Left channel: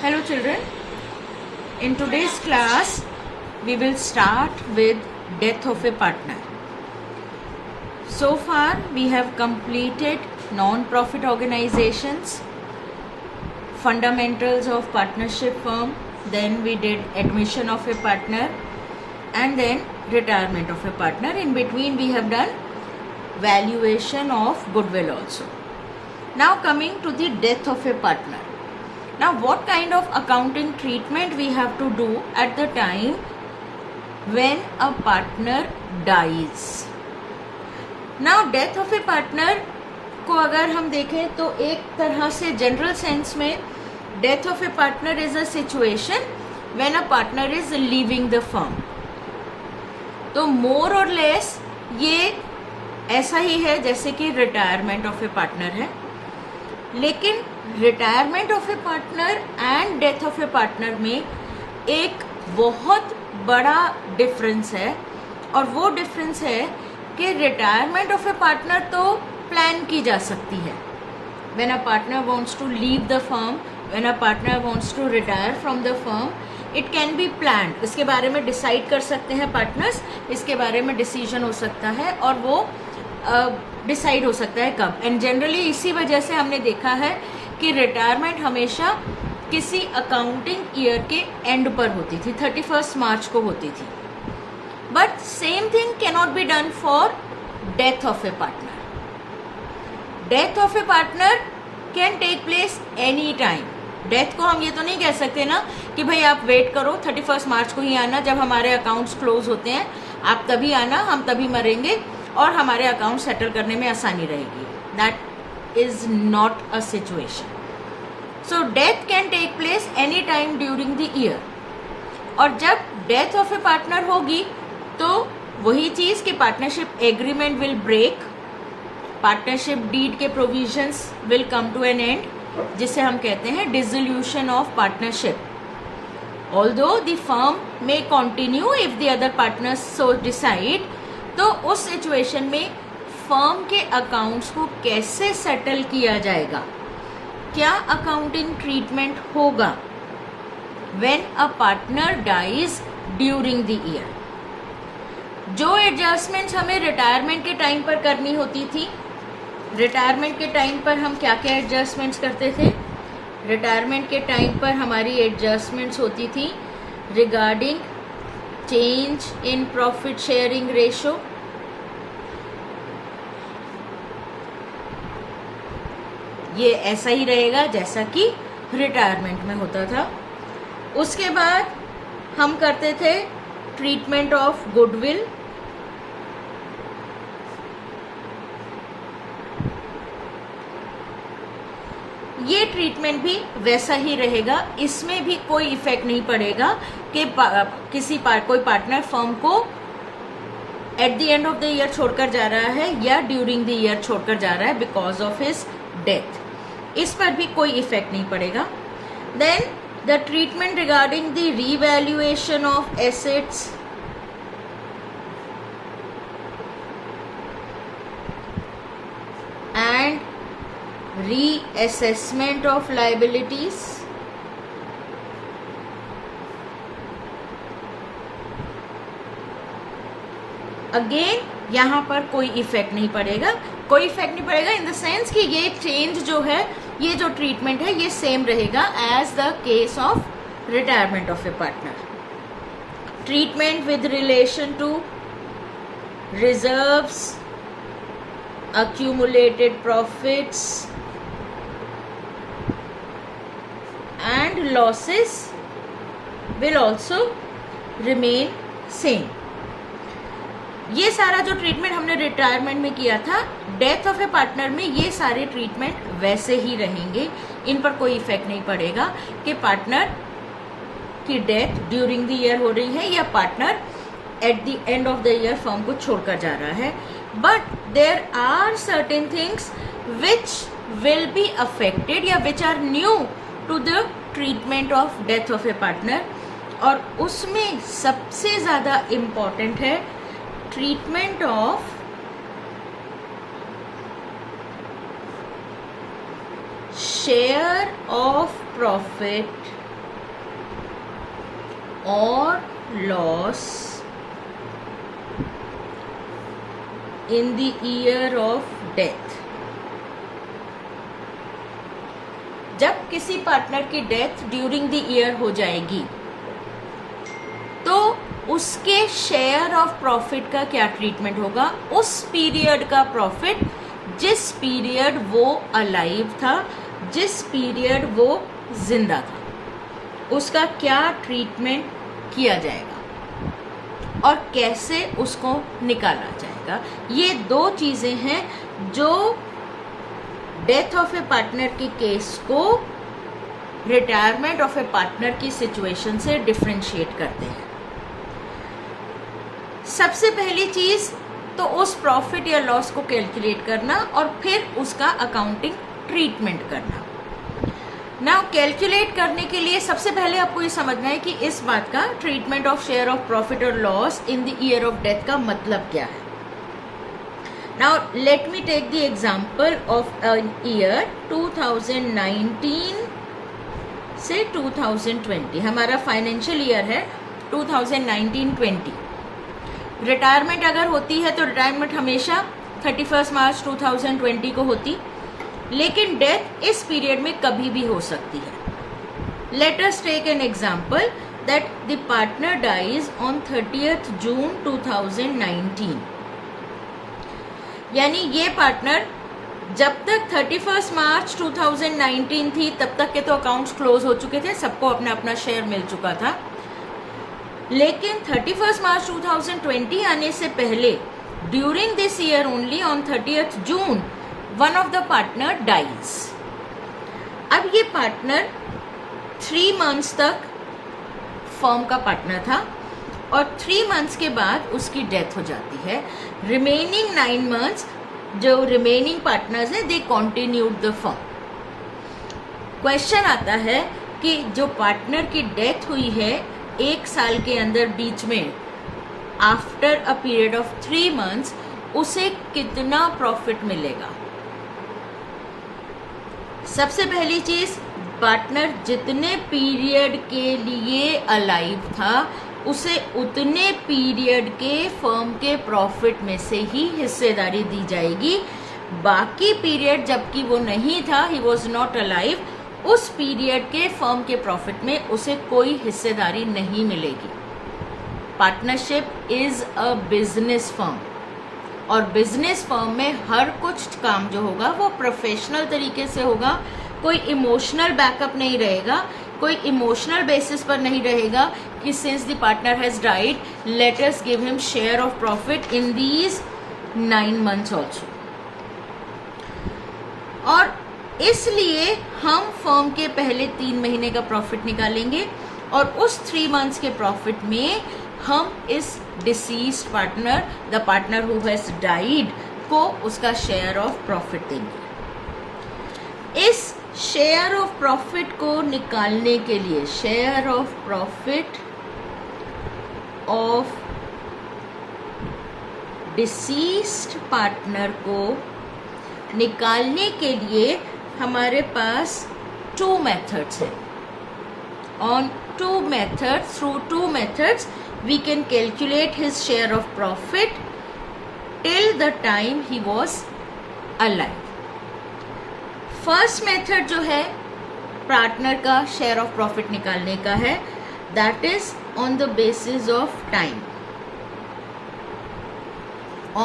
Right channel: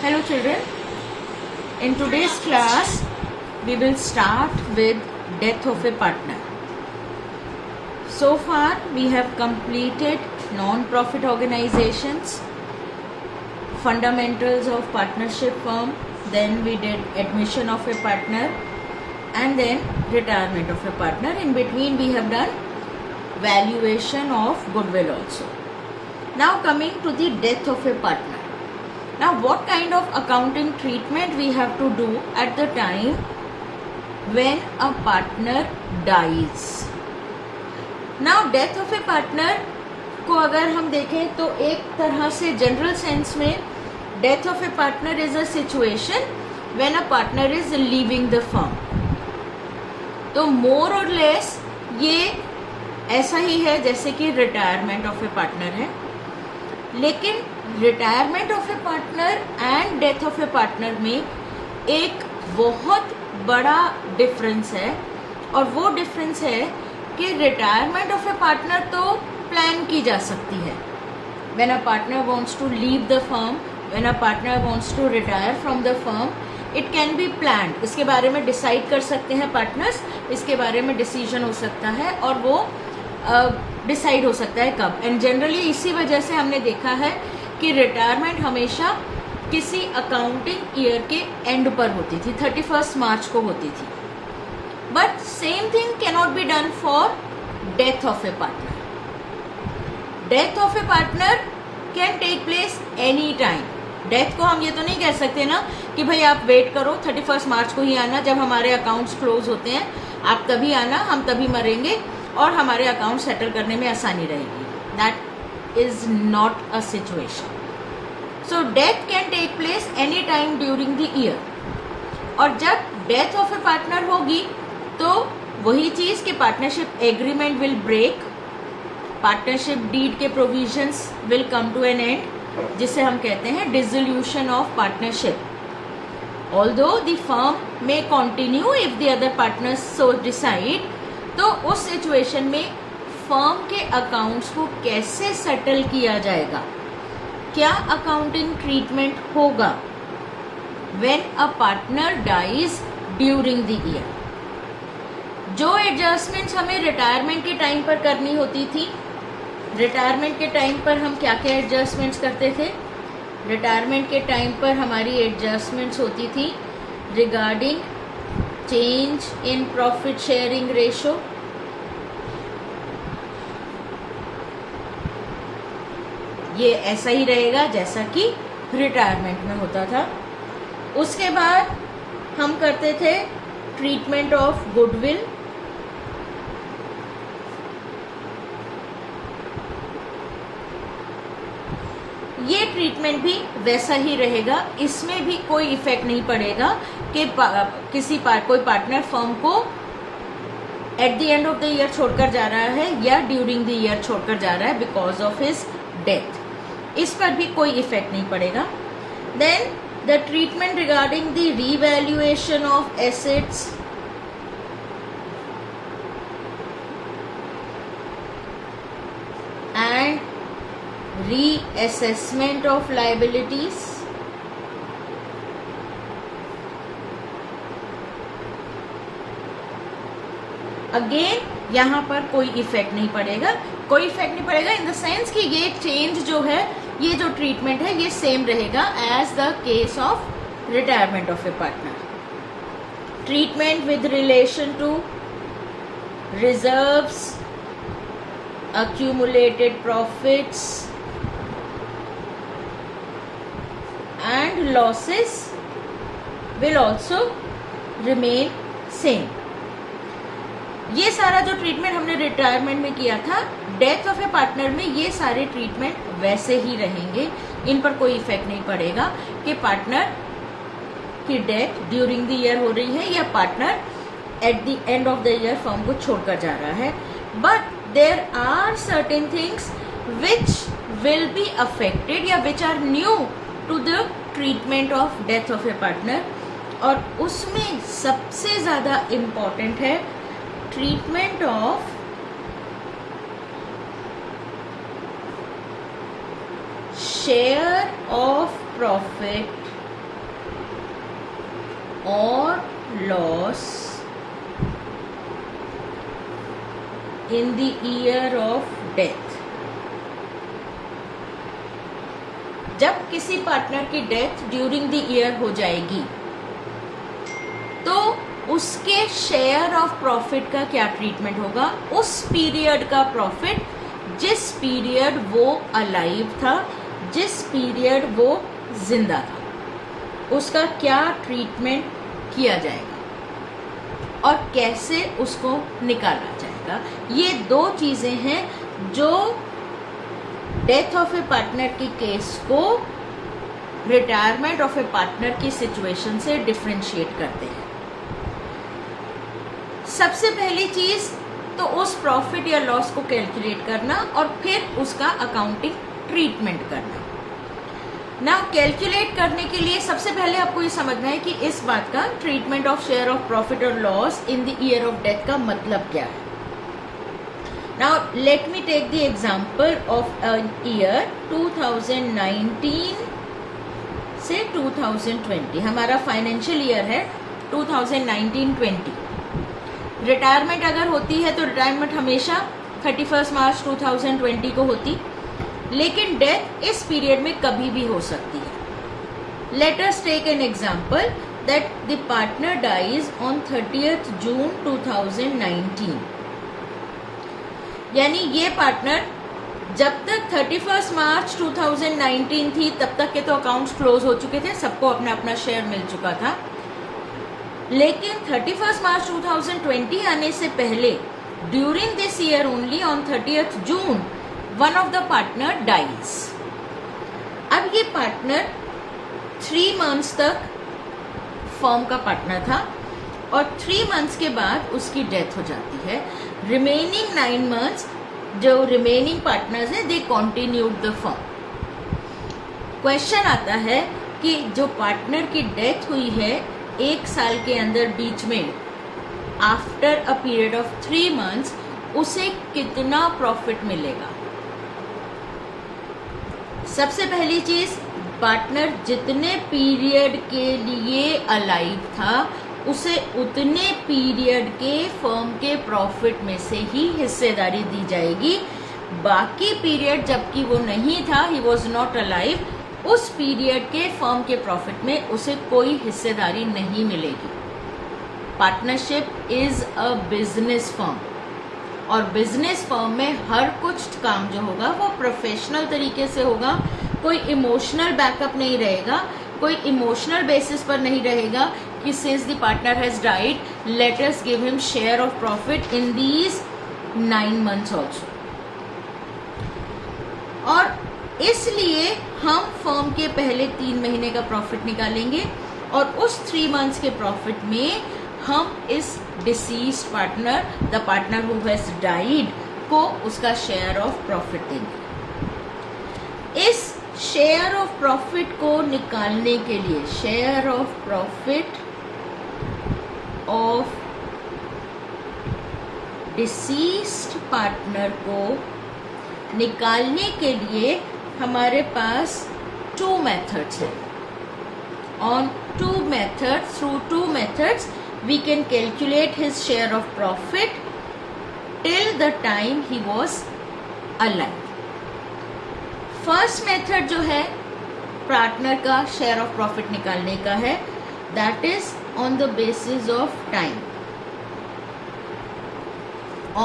Hello children, in today's class we will start with death of a partner. So far we have completed non-profit organizations, fundamentals of partnership firm, then we did admission of a partner and then retirement of a partner. In between we have done valuation of goodwill also. Now coming to the death of a partner. Now what kind of accounting treatment we have to do at the time when a partner dies. Now death of a partner को अगर हम देखें तो एक तरह से general sense में death of a partner is a situation when a partner is leaving the firm. तो more or less ये ऐसा ही है जैसे कि रिटायरमेंट ऑफ ए पार्टनर है, लेकिन retirement of a partner and death of a partner में एक बहुत बड़ा डिफरेंस है. और वो डिफरेंस है कि रिटायरमेंट ऑफ ए पार्टनर तो प्लान की जा सकती है. When a partner wants to leave the firm, when a partner wants to retire from the firm, it can be planned. इसके बारे में डिसाइड कर सकते हैं पार्टनर्स, इसके बारे में डिसीजन हो सकता है और वो डिसाइड हो सकता है कब. एंड जनरली इसी वजह से हमने देखा है कि रिटायरमेंट हमेशा किसी अकाउंटिंग ईयर के एंड पर होती थी, 31 मार्च को होती थी. But same thing cannot be done for death of a partner. Death of a partner can take place any time. Death को हम ये तो नहीं कह सकते ना कि भाई आप वेट करो 31 मार्च को ही आना, जब हमारे अकाउंट्स क्लोज होते हैं आप तभी आना, हम तभी मरेंगे और हमारे अकाउंट सेटल करने में आसानी रहेगी. That is not a situation. So death can take place any time during the year. और जब डेथ ऑफ ए पार्टनर होगी तो वही चीज कि partnership agreement will break, partnership deed के provisions will come to an end, जिसे हम कहते हैं dissolution of partnership. Although the firm may continue if the other partners so decide. तो उस सिचुएशन में फर्म के अकाउंट्स को कैसे सेटल किया जाएगा, क्या अकाउंटिंग ट्रीटमेंट होगा when a partner dies during the year. जो एडजस्टमेंट्स हमें रिटायरमेंट के टाइम पर करनी होती थी, रिटायरमेंट के टाइम पर हम क्या क्या एडजस्टमेंट्स करते थे. रिटायरमेंट के टाइम पर हमारी एडजस्टमेंट्स होती थी regarding change in profit sharing ratio, ये ऐसा ही रहेगा जैसा कि रिटायरमेंट में होता था. उसके बाद हम करते थे ट्रीटमेंट ऑफ गुडविल, ये ट्रीटमेंट भी वैसा ही रहेगा. इसमें भी कोई इफेक्ट नहीं पड़ेगा कि कोई पार्टनर फर्म को at the end of the year छोड़कर जा रहा है या ड्यूरिंग द ईयर छोड़कर जा रहा है बिकॉज ऑफ हिज डेथ. इस पर भी कोई इफेक्ट नहीं पड़ेगा. Then the treatment regarding the revaluation of assets, and reassessment of liabilities, again यहाँ पर कोई इफेक्ट नहीं पड़ेगा. कोई इफेक्ट नहीं पड़ेगा इन द सेंस कि ये चेंज जो है, ये जो ट्रीटमेंट है ये सेम रहेगा as the case of retirement of a partner. Treatment with relation to reserves, accumulated profits and losses will also remain same. ये सारा जो ट्रीटमेंट हमने रिटायरमेंट में किया था, डेथ ऑफ ए पार्टनर में ये सारे ट्रीटमेंट वैसे ही रहेंगे. इन पर कोई इफेक्ट नहीं पड़ेगा कि पार्टनर की डेथ ड्यूरिंग द ईयर हो रही है या partner at the end of the year firm को छोड़कर जा रहा है. But there are certain things which will be affected या which are new to the treatment of death of a partner. और उसमें सबसे ज़्यादा इम्पॉर्टेंट है treatment of share of profit or loss in the year of death. जब किसी partner की death during the year हो जाएगी तो उसके शेयर ऑफ प्रॉफिट का क्या ट्रीटमेंट होगा, उस पीरियड का प्रॉफिट जिस पीरियड वो अलाइव था, जिस पीरियड वो जिंदा था, उसका क्या ट्रीटमेंट किया जाएगा और कैसे उसको निकाला जाएगा। ये दो चीजें हैं जो डेथ ऑफ ए पार्टनर के केस को रिटायरमेंट ऑफ ए पार्टनर की सिचुएशन से डिफरेंशिएट करते हैं। सबसे पहली चीज तो उस प्रॉफिट या लॉस को कैलकुलेट करना और फिर उसका अकाउंटिंग ट्रीटमेंट करना। ना कैलकुलेट करने के लिए सबसे पहले आपको ये समझना है कि इस बात का treatment of share of profit और loss in the year of death का मतलब क्या है। Now let me take the example of an year 2019 से 2020। हमारा फाइनेंशियल ईयर है 2019-20। रिटायरमेंट अगर होती है तो रिटायरमेंट हमेशा 31 मार्च 2020 को होती, लेकिन डेथ इस पीरियड में कभी भी हो सकती है। Let us take an example that the partner dies on 30th June 2019। यानी ये पार्टनर जब तक 31 मार्च 2019 थी तब तक के तो अकाउंट्स क्लोज हो चुके थे, सबको अपना अपना शेयर मिल चुका था। लेकिन 31 मार्च 2020 आने से पहले during this year only on 30th June one of the partner dies. अब ये पार्टनर 3 मंथ्स तक फर्म का पार्टनर था और 3 मंथ्स के बाद उसकी डेथ हो जाती है। रिमेनिंग 9 मंथ्स जो रिमेनिंग पार्टनर्स हैं दे कंटिन्यूड द फर्म। क्वेश्चन आता है कि जो पार्टनर की डेथ हुई है 1 साल के अंदर बीच में after a period of 3 months उसे कितना प्रॉफिट मिलेगा। सबसे पहली चीज, पार्टनर जितने पीरियड के लिए अलाइव था उसे उतने पीरियड के फर्म के प्रॉफिट में से ही हिस्सेदारी दी जाएगी। बाकी पीरियड जबकि वो नहीं था, ही वॉज नॉट अलाइव, उस पीरियड के फर्म के प्रॉफिट में उसे कोई हिस्सेदारी नहीं मिलेगी। Partnership is a business firm और बिजनेस फर्म में हर कुछ काम जो होगा वो प्रोफेशनल तरीके से होगा। कोई इमोशनल बैकअप नहीं रहेगा, कोई इमोशनल बेसिस पर नहीं रहेगा कि since the partner has died let us give him share of profit in these 9 months also. और इसलिए हम फर्म के पहले 3 महीने का प्रॉफिट निकालेंगे और उस 3 मंथ्स के प्रॉफिट में हम इस deceased partner, the partner who has died, को उसका शेयर ऑफ प्रॉफिट देंगे। इस शेयर ऑफ प्रॉफिट को निकालने के लिए, share of profit of deceased partner को निकालने के लिए हमारे पास 2 मेथड्स हैं। On 2 methods, through 2 methods, we can calculate his share of profit till the time he was alive. First method जो है पार्टनर का शेयर ऑफ प्रॉफिट निकालने का है, that is on the basis of time,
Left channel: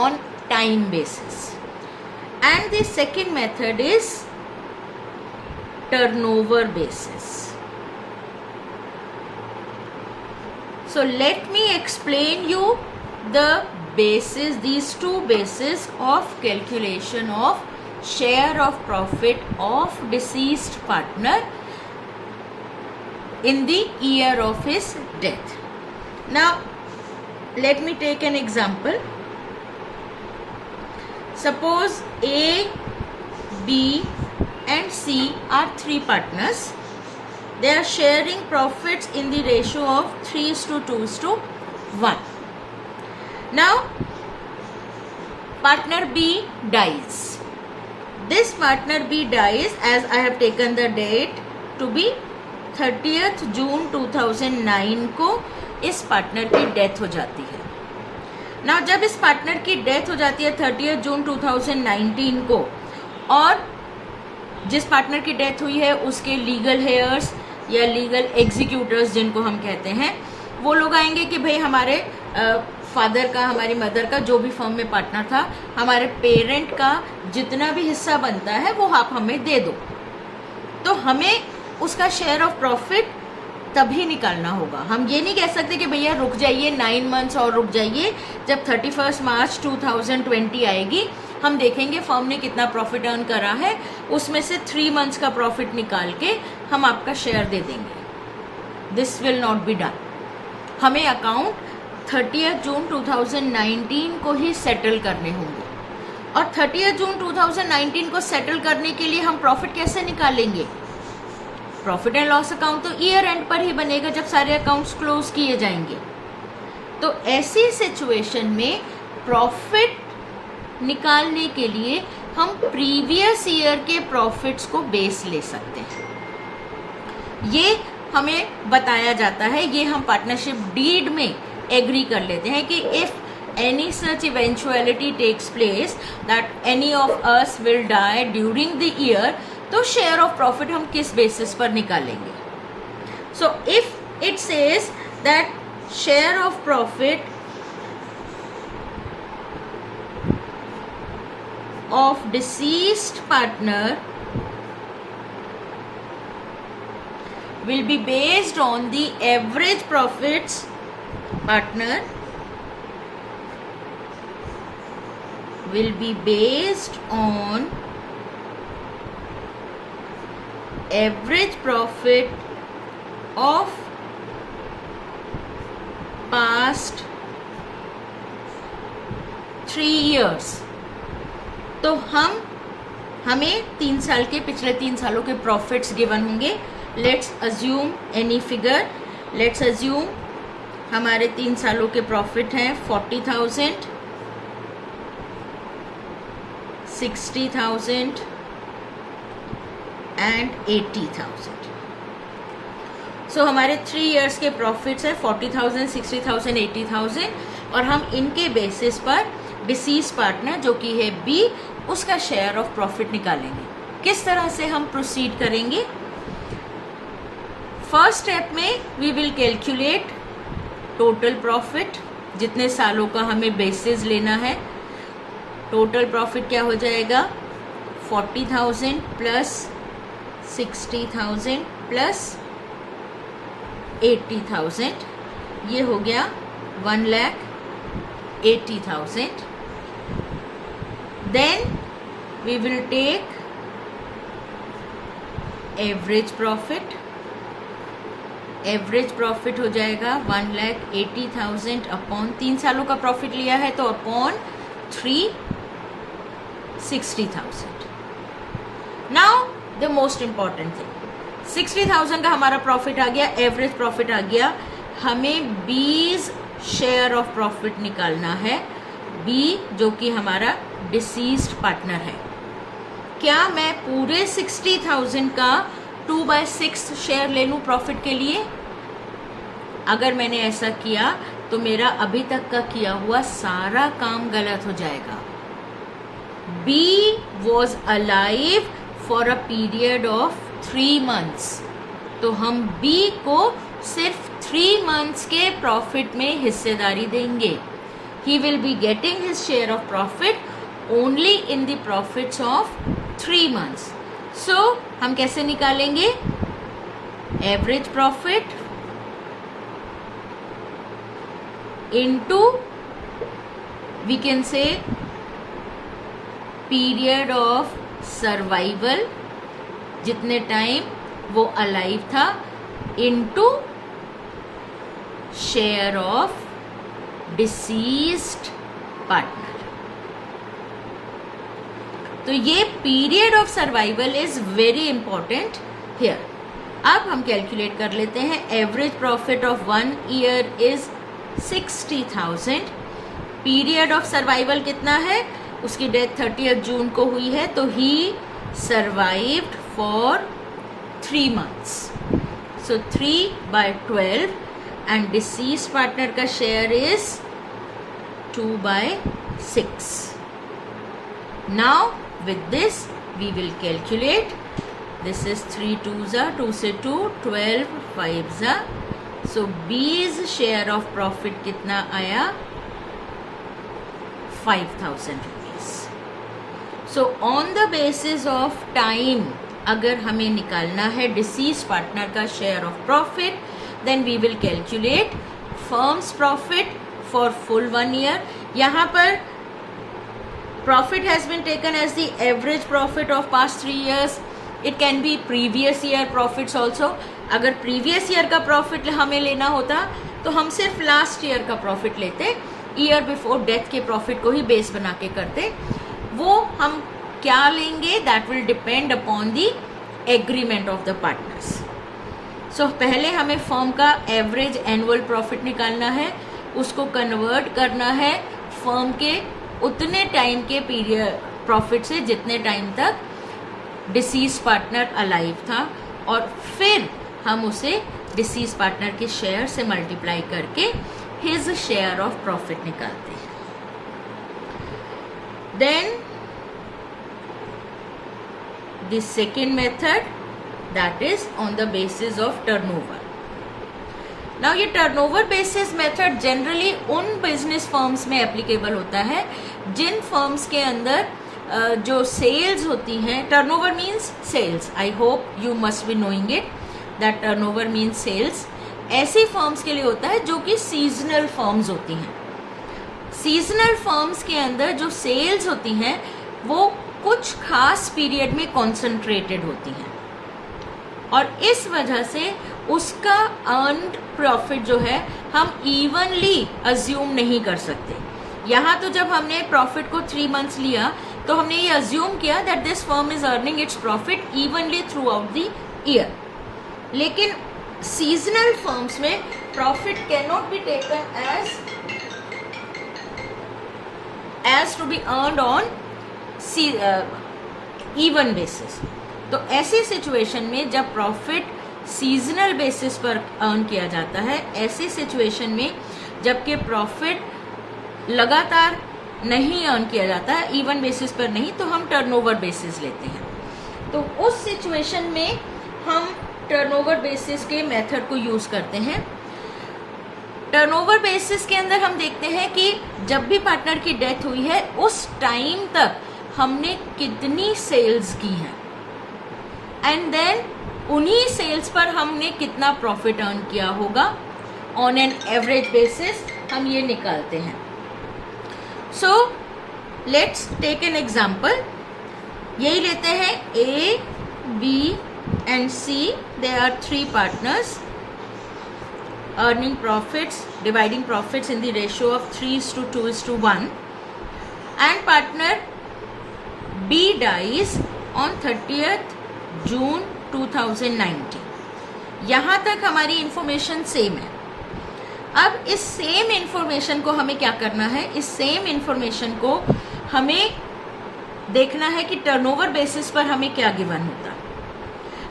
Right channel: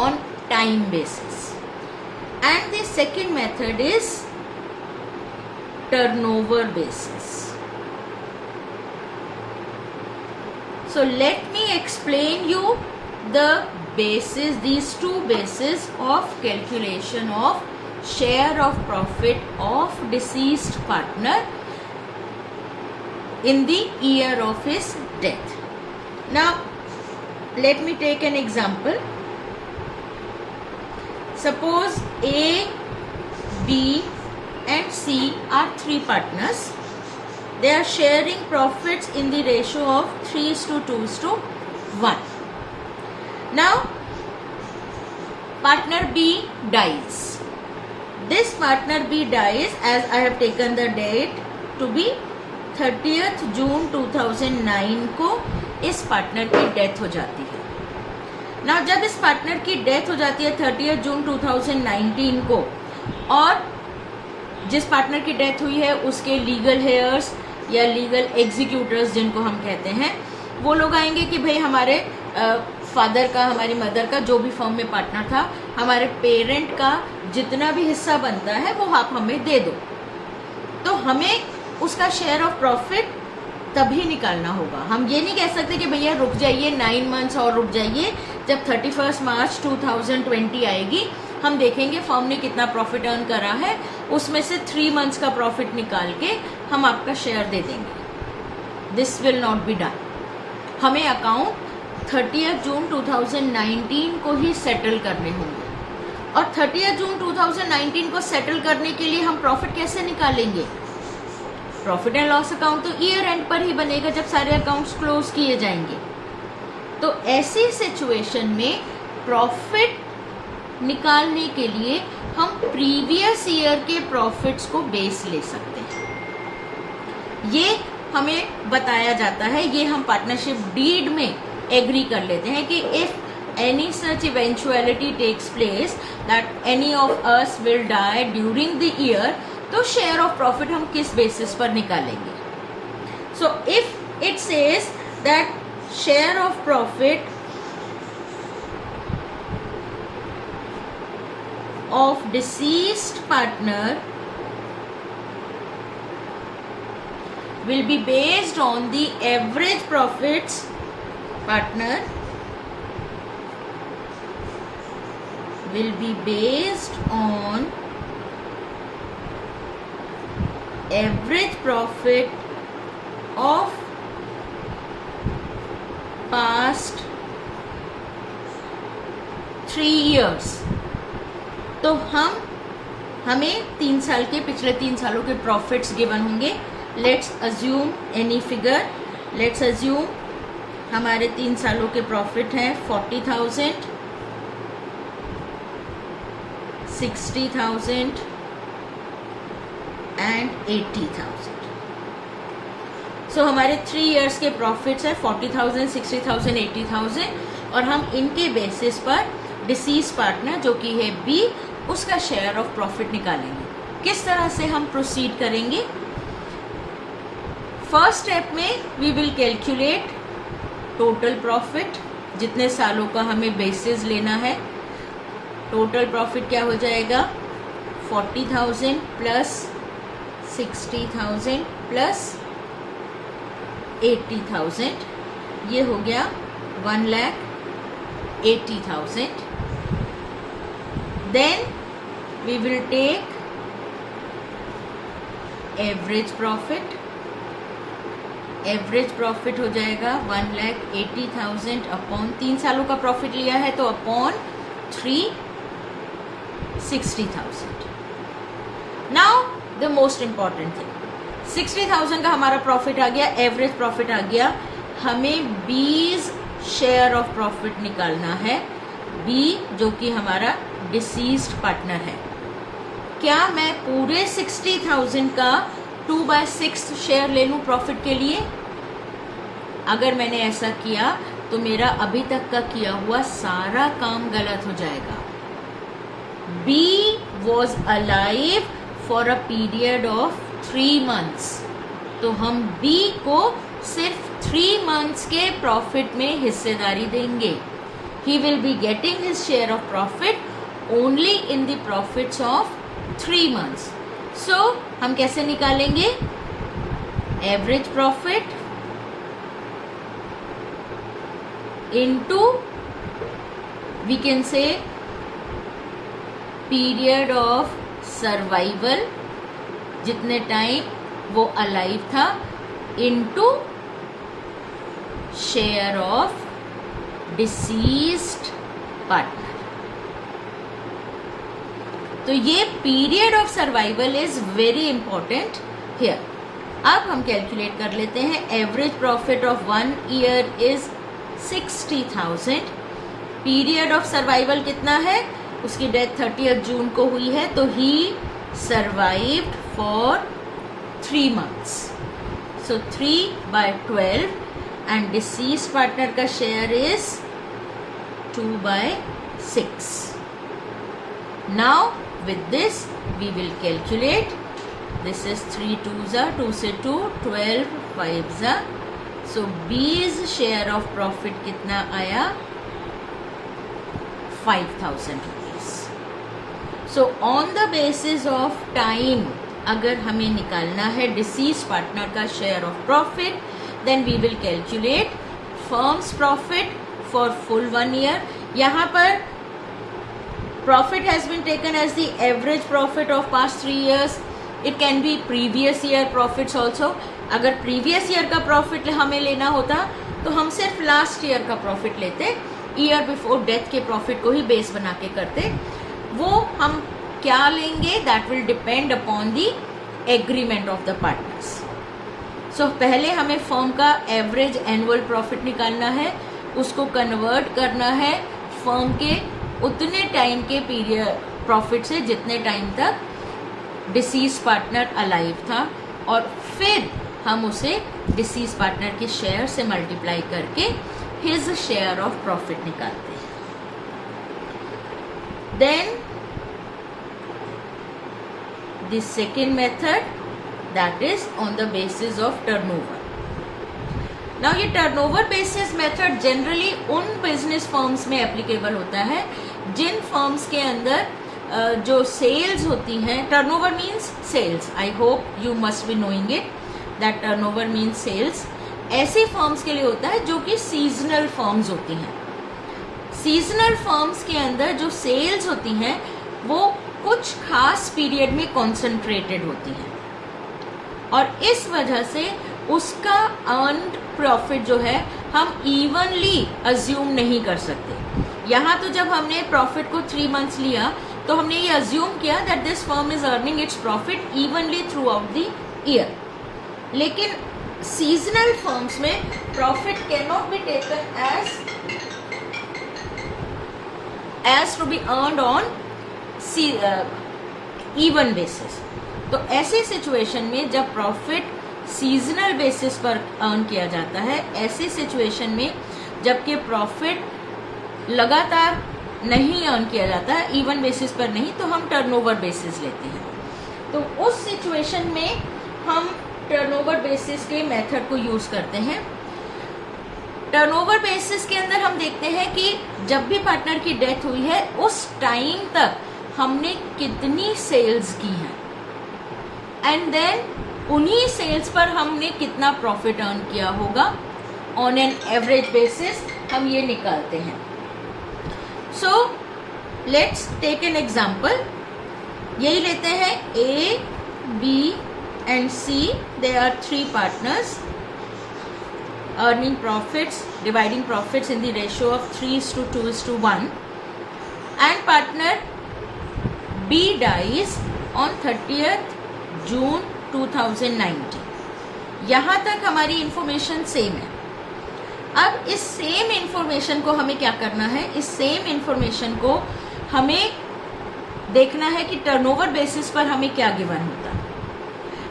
on time basis. And the second method is turnover basis. So let me explain you the basis, these 2 bases of calculation of share of profit of deceased partner in the year of his death. Now let me take an example. Suppose A, B and C are 3 partners. They are sharing profits in the ratio of 3:2:1. Now partner B dies. This partner B dies, as I have taken the date to be 30 जून 2009 को इस partner की death हो जाती है। ना जब इस partner की डेथ हो जाती है 30 जून 2019 को, और जिस पार्टनर की डेथ हुई है उसके लीगल हेयर्स या लीगल एग्जीक्यूटर्स जिनको हम कहते हैं, वो लोग आएंगे कि भाई हमारे फादर का, हमारी मदर का, जो भी फर्म में पार्टनर था, हमारे पेरेंट का जितना भी हिस्सा बनता है वो आप हमें दे दो। तो हमें उसका शेयर ऑफ प्रॉफिट तभी निकालना होगा। हम ये नहीं कह सकते कि भैया रुक जाइए 9 मंथ्स और रुक जाइए, जब 31 मार्च 2020 आएगी हम देखेंगे फर्म ने कितना प्रॉफिट अर्न करा है, उसमें से 3 मंथ्स का प्रॉफिट निकाल के हम आपका शेयर दे देंगे। This will not be done. हमें अकाउंट 30 जून 2019 को ही सेटल करने होंगे, और 30 जून 2019 को सेटल करने के लिए हम प्रॉफिट कैसे निकालेंगे? प्रॉफिट एंड लॉस अकाउंट तो ईयर एंड पर ही बनेगा जब सारे अकाउंट्स क्लोज किए जाएंगे। तो ऐसी सिचुएशन में प्रॉफिट निकालने के लिए हम प्रीवियस ईयर के प्रॉफिट्स को बेस ले सकते हैं। ये हमें बताया जाता है, ये हम पार्टनरशिप डीड में एग्री कर लेते हैं कि if any such eventuality takes place that any of us will die during the year, तो शेयर ऑफ प्रॉफिट हम किस बेसिस पर निकालेंगे। So if it says that share of profit of deceased partner will be based on the average profits partner will be based on average profit of past 3 years। तो हमें 3 साल के, पिछले 3 सालों के प्रॉफिट्स गिवन होंगे। Let's assume any figure. Let's assume हमारे 3 सालों के प्रॉफिट हैं 40,000, 60,000 एंड 80,000। सो हमारे 3 इयर्स के प्रॉफिट्स है 40,000, 60,000, 80,000, और हम इनके बेसिस पर डिसीज पार्टनर जो कि है बी, उसका शेयर ऑफ प्रॉफिट निकालेंगे। किस तरह से हम प्रोसीड करेंगे? फर्स्ट स्टेप में we will calculate total profit, जितने सालों का हमें बेसिस लेना है। टोटल प्रॉफिट क्या हो जाएगा? 40,000 प्लस 60,000 प्लस 80,000, ये हो गया 1,80,000। Then we will take average profit। Average profit हो जाएगा 1,80,000 अपॉन 3 सालों का प्रॉफिट लिया है तो upon 360,000। Now the most important thing, 60,000 का हमारा प्रॉफिट आ गया, एवरेज प्रॉफिट आ गया। हमें 20 शेयर ऑफ प्रॉफिट निकालना है, बी जो कि हमारा डिसीज्ड पार्टनर है। क्या मैं पूरे 60,000 का 2/6 शेयर ले लूं प्रॉफिट के लिए? अगर मैंने ऐसा किया तो मेरा अभी तक का किया हुआ सारा काम गलत हो जाएगा। B was alive for a period of 3 months, तो हम बी को सिर्फ 3 मंथ्स के प्रॉफिट में हिस्सेदारी देंगे। He will be getting his share of profit only in the profits of 3 months. So हम कैसे निकालेंगे? Average profit into, we can say, period of survival, जितने टाइम वो alive था, into share of deceased partner. तो ये period of survival is very important here. अब हम कैलकुलेट कर लेते हैं। Average profit of 1 year is 60,000। Period of survival कितना है? उसकी डेथ 30 जून को हुई है, तो ही survived for 3 months. So 3/12 and deceased partner का share is 2/6. Now with this we will calculate. This is 3 2s are 2 से 2, 12 5s are. So B's share of profit कितना आया? 5,000 rupees. So on the basis of time, अगर हमें निकालना है deceased partner का share of profit, then we will calculate firm's profit for full 1 year. यहाँ पर profit has been taken as the average profit of past 3 years. It can be previous year profits also. अगर previous year का profit हमें लेना होता तो हम सिर्फ लास्ट ईयर का प्रॉफिट लेते, ईयर बिफोर डेथ के प्रॉफिट को ही बेस बना के करते. वो हम क्या लेंगे, that will depend upon the agreement of the partners. So पहले हमें फर्म का एवरेज एनुअल प्रॉफिट निकालना है, उसको कन्वर्ट करना है फर्म के उतने टाइम के पीरियड प्रॉफिट से जितने टाइम तक डिसीज पार्टनर अलाइव था, और फिर हम उसे डिसीज पार्टनर के शेयर से मल्टीप्लाई करके हिज शेयर ऑफ प्रॉफिट निकालते हैं. Then the second method, that is on the basis of turnover. Now ये turnover basis method generally उन business firms में applicable होता है जिन firms के अंदर जो sales होती हैं. turnover means sales. I hope you must be knowing it that turnover means sales. ऐसी firms के लिए होता है जो कि seasonal firms होती हैं. seasonal firms के अंदर जो sales होती हैं वो कुछ खास पीरियड में कॉन्सेंट्रेटेड होती हैं, और इस वजह से उसका अर्न्ड प्रॉफिट जो है हम इवनली अज्यूम नहीं कर सकते. यहाँ तो जब हमने प्रॉफिट को 3 months लिया तो हमने ये अज्यूम किया that this firm is earning its profit evenly throughout the year. लेकिन सीजनल फर्म्स में profit can not be taken as to be earned on even basis. तो ऐसी सिचुएशन में जब प्रॉफिट सीजनल बेसिस पर earn किया जाता है, ऐसी सिचुएशन में जबकि प्रॉफिट लगातार नहीं अर्न किया जाता है, इवन बेसिस पर नहीं, तो हम टर्नओवर बेसिस लेते हैं. तो उस सिचुएशन में हम टर्नओवर बेसिस के मेथड को यूज करते हैं. टर्नओवर बेसिस के अंदर हम देखते हैं कि जब भी पार्टनर की डेथ हुई है उस टाइम तक हमने कितनी सेल्स की हैं, एंड देन उन्हीं सेल्स पर हमने कितना प्रॉफिट अर्न किया होगा ऑन एन एवरेज बेसिस हम ये निकालते हैं. So let's take an example. यही लेते हैं A, B and C. They are 3 partners earning profits, dividing profits in the ratio of 3:2:1, and partner B dies on 30th June 2019. यहाँ तक हमारी इंफॉर्मेशन सेम है. अब इस सेम इंफॉर्मेशन को हमें क्या करना है, इस सेम इंफॉर्मेशन को हमें देखना है कि टर्नओवर बेसिस पर हमें क्या गिवन होता.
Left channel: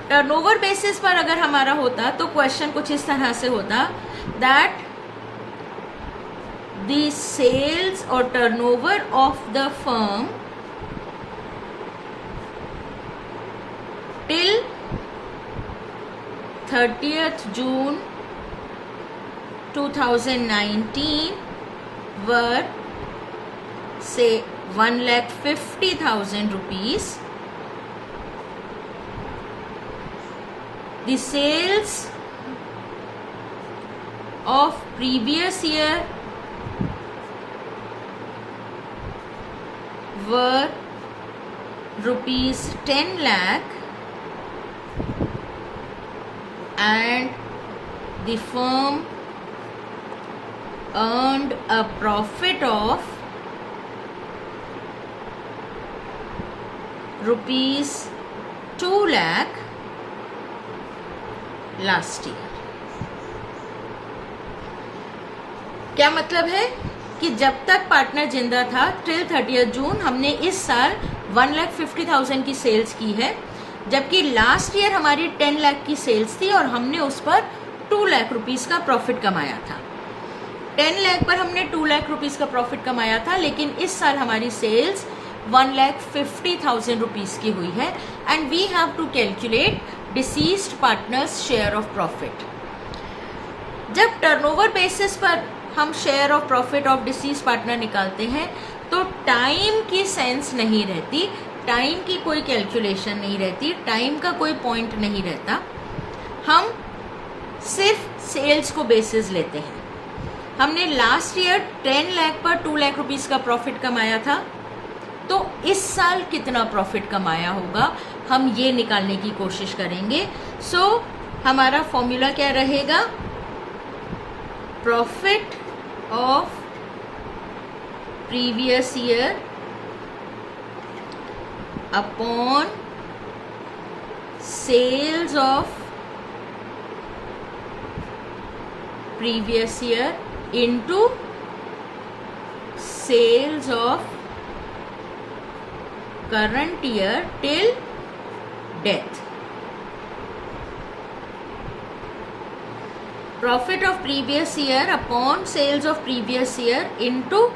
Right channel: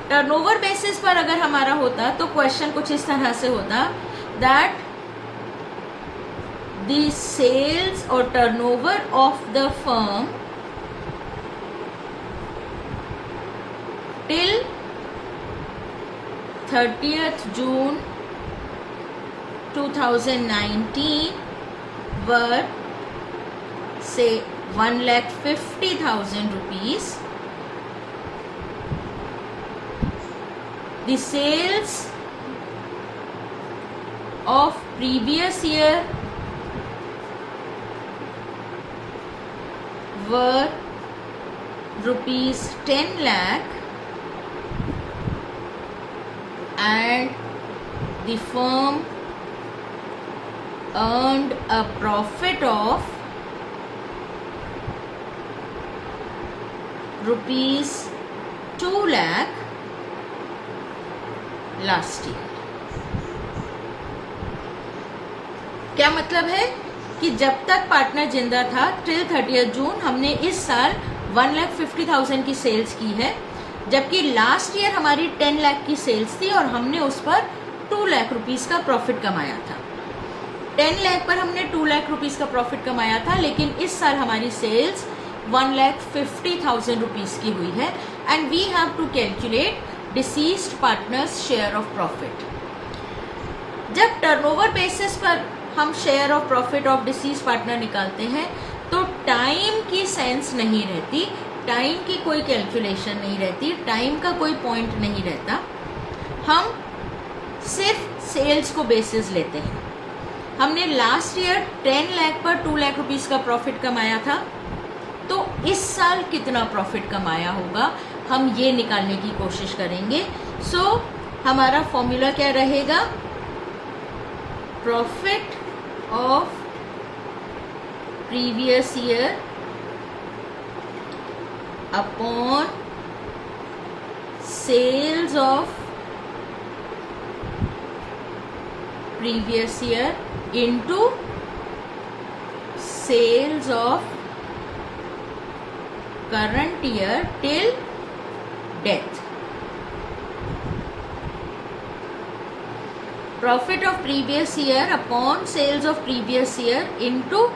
टर्नओवर बेसिस पर अगर हमारा होता तो क्वेश्चन कुछ इस तरह से होता दैट द सेल्स और turnover of the firm till 30th June 2019 were say 1,50,000 rupees. The sales of previous year were rupees 10 lakh, and the firm earned a profit of rupees 2 lakh last year. क्या मतलब है कि जब तक partner जिंदा था till 30th जून हमने इस साल 1,50,000 की सेल्स की है, जबकि लास्ट ईयर हमारी 10 लाख की सेल्स थी और हमने उस पर 2 लाख रुपीस का प्रॉफिट कमाया था। 10 लाख पर हमने 2 लाख रुपीस का प्रॉफिट कमाया था, लेकिन इस साल हमारी सेल्स 1,50,000 रुपीस की हुई है and we have to calculate deceased partners share of profit. जब टर्नओवर बेसिस पर हम share of profit of deceased partner निकालते हैं तो टाइम की सेंस नहीं रहती, टाइम की कोई कैलकुलेशन नहीं रहती, टाइम का कोई पॉइंट नहीं रहता। हम सिर्फ सेल्स को बेसिस लेते हैं। हमने लास्ट ईयर 10 लाख पर 2 लाख रुपीस का प्रॉफिट कमाया था, तो इस साल कितना प्रॉफिट कमाया होगा हम ये निकालने की कोशिश करेंगे। सो हमारा फॉर्मूला क्या रहेगा? Profit of previous year upon sales of previous year into sales of current year till death. Profit of previous year upon sales of previous year into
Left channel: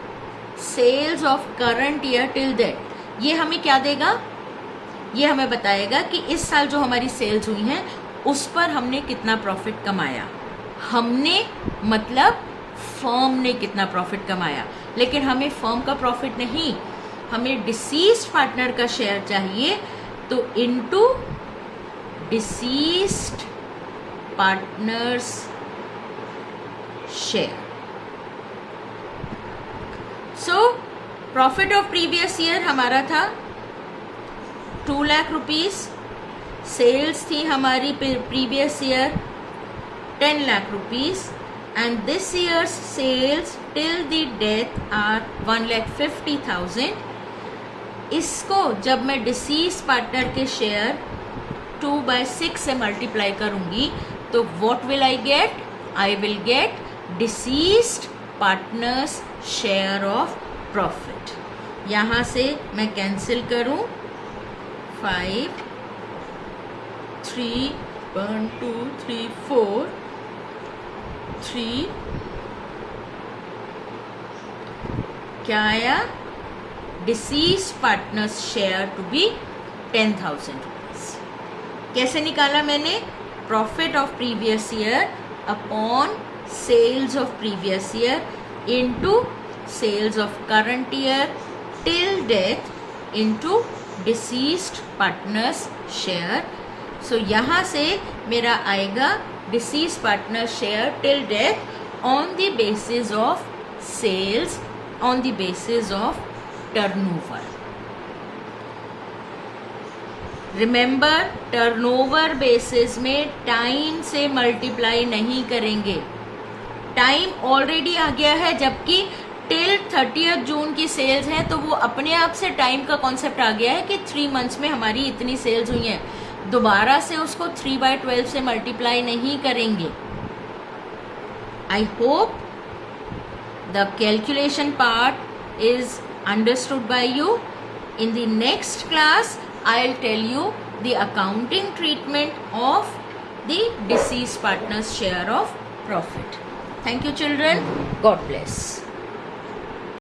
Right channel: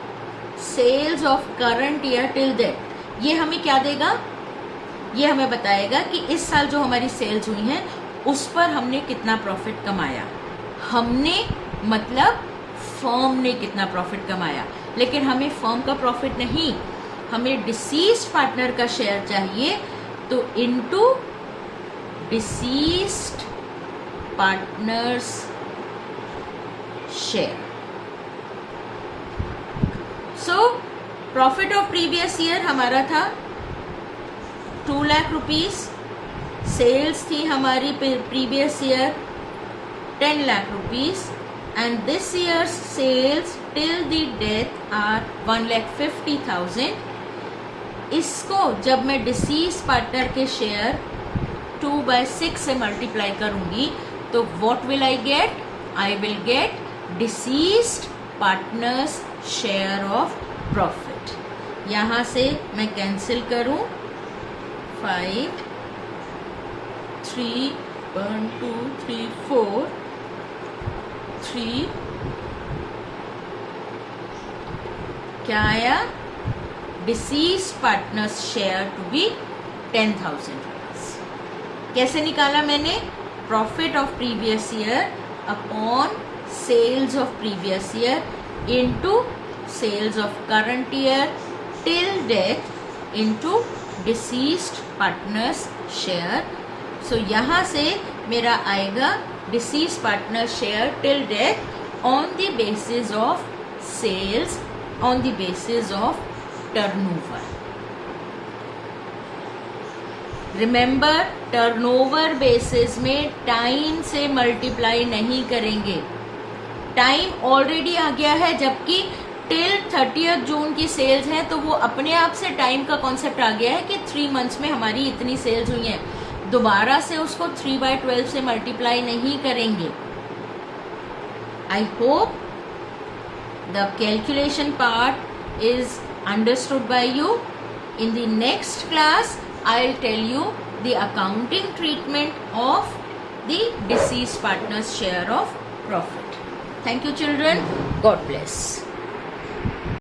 sales of current year till death. ये हमें क्या देगा? ये हमें बताएगा कि इस साल जो हमारी सेल्स हुई हैं उस पर हमने कितना प्रॉफिट कमाया। हमने मतलब फर्म ने कितना प्रॉफिट कमाया, लेकिन हमें फर्म का प्रॉफिट नहीं, हमें डिसीज्ड पार्टनर का शेयर चाहिए। तो into deceased partners share. So profit of previous year हमारा था 2 लाख रुपीस, सेल्स थी हमारी previous year 10 lakh rupees and this year's sales till the death are 1,50,000। इसको जब मैं डिसीज पार्टनर के शेयर 2/6 से मल्टीप्लाई करूंगी तो what will I get? I will get deceased partners share of profit. यहां से मैं कैंसिल करूं 5 3 1 2 3 4 3 क्या आया? Deceased partners share to be 10,000 rupees. कैसे निकाला मैंने? Profit of previous year upon sales of previous year into sales of current year till death into deceased partners share. So यहां से मेरा आएगा deceased partner share till death on the basis of sales, on the basis of turnover. Remember, turnover basis में time से multiply नहीं करेंगे। Time already आ गया है, जबकि टिल 30 जून की सेल्स है तो वो अपने आप से टाइम का कॉन्सेप्ट आ गया है कि 3 मंथ्स में हमारी इतनी सेल्स हुई हैं। दोबारा से उसको 3/12 से मल्टीप्लाई नहीं करेंगे। I hope the calculation part is understood by you. In the next class, I'll tell you the accounting treatment of the deceased partner's share of profit. Thank you, children. God bless.